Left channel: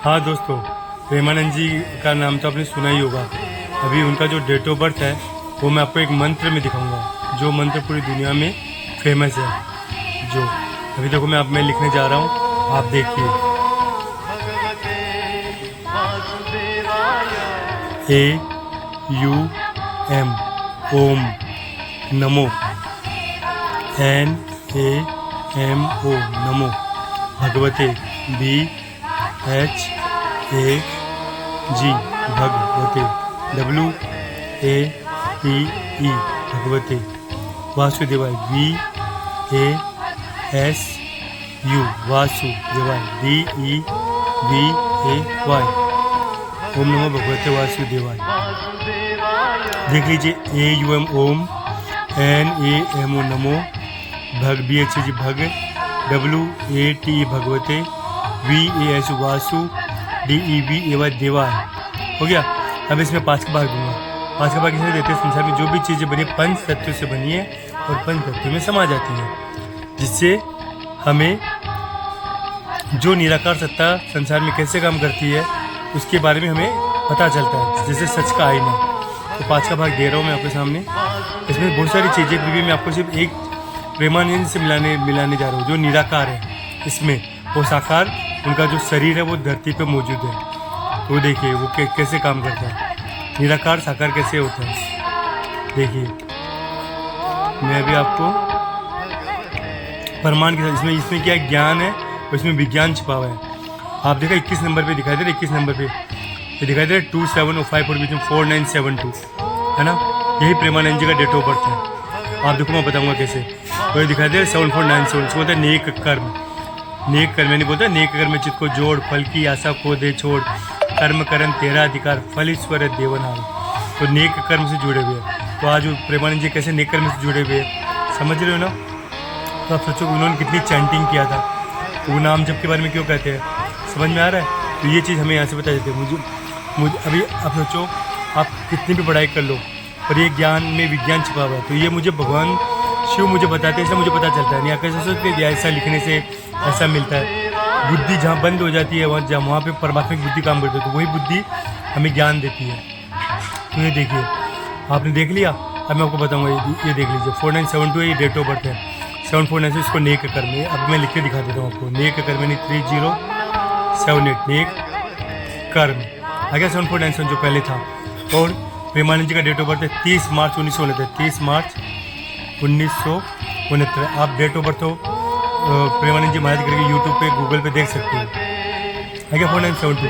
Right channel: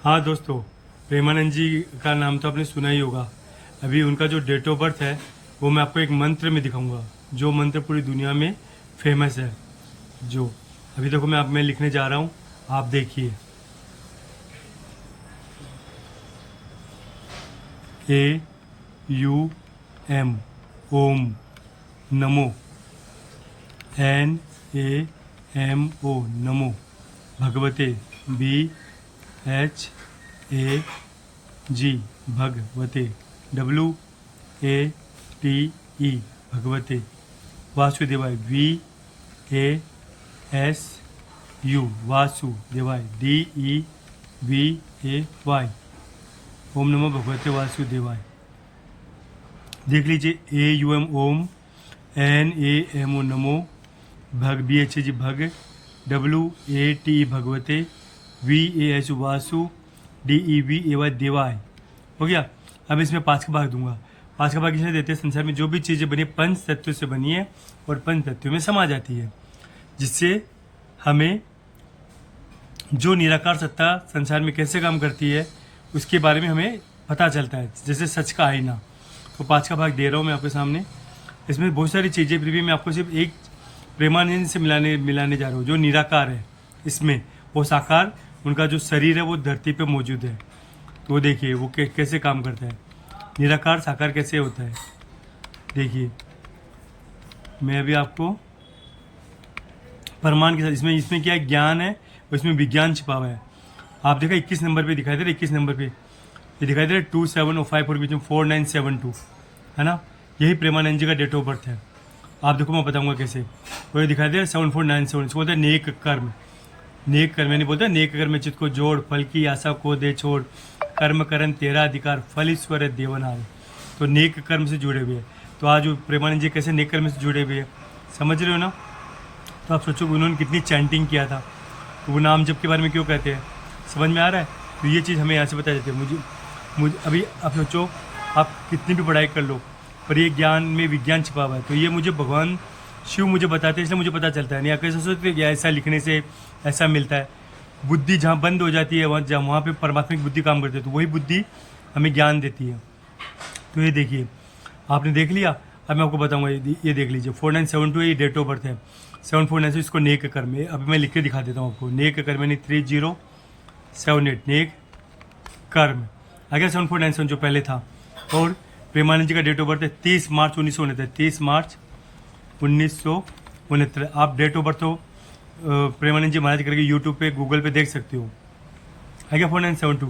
हाँ दोस्तों, प्रेमानंद जी का नाम तो आपने सुना ही होगा। अभी उनका जो डेट ऑफ बर्थ है वो मैं आपको एक मंत्र में दिखाऊंगा, जो मंत्र पूरी दुनिया में फेमस है। जो अभी देखो मैं लिखने जा रहा हूँ, आप देखिए। AUM ओम नमो, NAMO नमो भगवते, BHAG भगवते, WAPE भगवते वासुदेवाय, VASU वासुदेवाय, DEVAY ओम नमो भगवते वासुदेवाय। देख लीजिए, AUM ओम, NAMO नमो, भग BHAG भग, WATE भगवते, VASU वासु, DEVAY देवाय। हो गया। अब इसमें 5 का भाग दूंगा। 5 का भाग इसमें देते हैं, संसार में जो भी चीज़ें बनी पंच तत्वों से बनी है और पंच तत्वों में समा जाती है, जिससे हमें जो निराकार सत्ता संसार में कैसे काम करती है उसके बारे में हमें पता चलता है, जैसे सच का आईना। तो 5 का भाग दे रहा हूँ मैं आपके सामने। इसमें बहुत सारी चीज़ें, फिर भी मैं आपको सिर्फ एक प्रेमानंद से मिलाने जा रहा हूँ, जो निराकार है। इसमें वो साकार, उनका जो शरीर है वो धरती पे मौजूद है। तो देखिए वो कैसे काम करता है, निराकार साकार कैसे होता है। देखिए मैं अभी आपको प्रमाण के साथ, इसमें क्या ज्ञान है और इसमें विज्ञान छिपा हुआ है। आप देखो 21 नंबर पे दिखाई दे रहा है, 21 नंबर पे ये दिखाई दे रहा है 2705 और बीच में 4972 है ना। यही प्रेमानंद जी का डेट ऑफ बर्थ है। आप देखो मैं बताऊंगा कैसे। तो ये दिखाई दे रहा है 7497, उसको बोलते हैं नेक कर्म। नेक कर्म यानी बोलते हैं नेक कर्म चित्त को जोड़, फल की आशा को दे छोड़, कर्म करम तेरा अधिकार, फल ईश्वर देवनाल। तो नेक कर्म से जुड़े हुए हैं। तो आज प्रेमानंद जी कैसे नेक कर्म से जुड़े हुए हैं, समझ रहे हो ना। तो आप सोचो उन्होंने कितनी चैंटिंग किया था, वो नाम जप के बारे में क्यों कहते हैं, समझ में आ रहा है। तो ये चीज़ हमें यहाँ से बता देते हैं। मुझे अभी आप सोचो, आप कितनी भी पढ़ाई कर लो और ये ज्ञान में विज्ञान छिपा हुआ है। तो ये मुझे भगवान शिव मुझे बताते हैं, इसलिए मुझे पता चलता है। नहीं आप कैसे सोचते हैं ऐसा लिखने से ऐसा मिलता है। बुद्धि जहाँ बंद हो जाती है वहाँ पे परमात्मिक बुद्धि काम करती है, तो वही बुद्धि हमें ज्ञान देती है। तो ये देखिए, आपने देख लिया। अब मैं आपको बताऊँगा, ये देख लीजिए 4972 ये डेट ऑफ बर्थ है। 749 इसको नेक कर्म है। अब मैं लिख के दिखा देता हूँ आपको। नेक कर्म यानी 3078 नेक कर्म आ गया 7497 जो पहले था। और प्रेमानंद जी का डेट ऑफ बर्थ है 30 मार्च 1969। 30 मार्च 1969 आप डेट ऑफ बर्थ हो प्रेमानंद जी महाराज करके यूट्यूब पे गूगल पे देख सकते हो। है क्या 4972। तो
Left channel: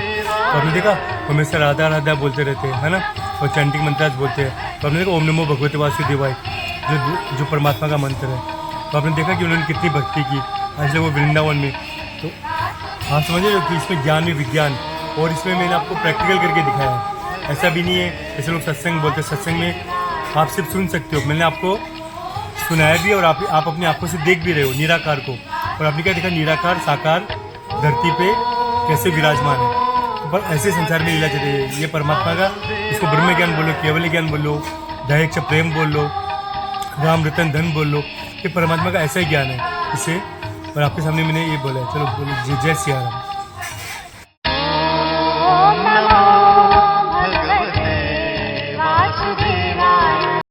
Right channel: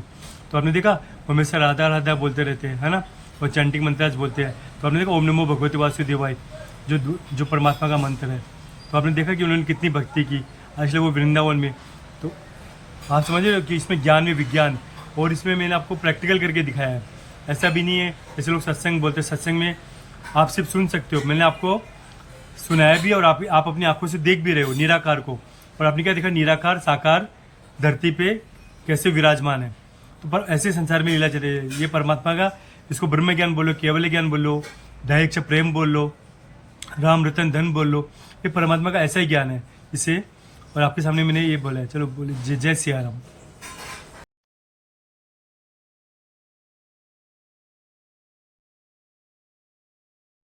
आपने देखा हमेशा राधा राधा बोलते रहते हैं, है ना, और चैंटिंग मंत्रास बोलते हैं। तो आपने देखा ओम नमो भगवते वासुदेवाय जो परमात्मा का मंत्र है। तो आपने देखा कि उन्होंने कितनी भक्ति की, आज वो वृंदावन में। तो आप समझ रहे हो कि इसमें ज्ञान में विज्ञान, और इसमें मैंने आपको प्रैक्टिकल करके दिखाया है। ऐसा भी नहीं है जैसे लोग सत्संग बोलते हैं, सत्संग में आप सिर्फ सुन सकते हो, मैंने आपको सुनाया भी और आप अपनी आंखों से देख भी रहे हो निराकार को। और आपने क्या देखा, निराकार साकार धरती पे कैसे विराजमान है। तो पर ऐसे संसार में लीला चलती है। ये परमात्मा का, इसको ब्रह्म ज्ञान बोलो, केवल ज्ञान बोलो, दैहिक प्रेम बोल लो, राम रतन धन बोल लो, ये परमात्मा का ऐसा ही ज्ञान है इसे। और आपके सामने मैंने ये बोला। चलो बोलो जय जय सिया राम।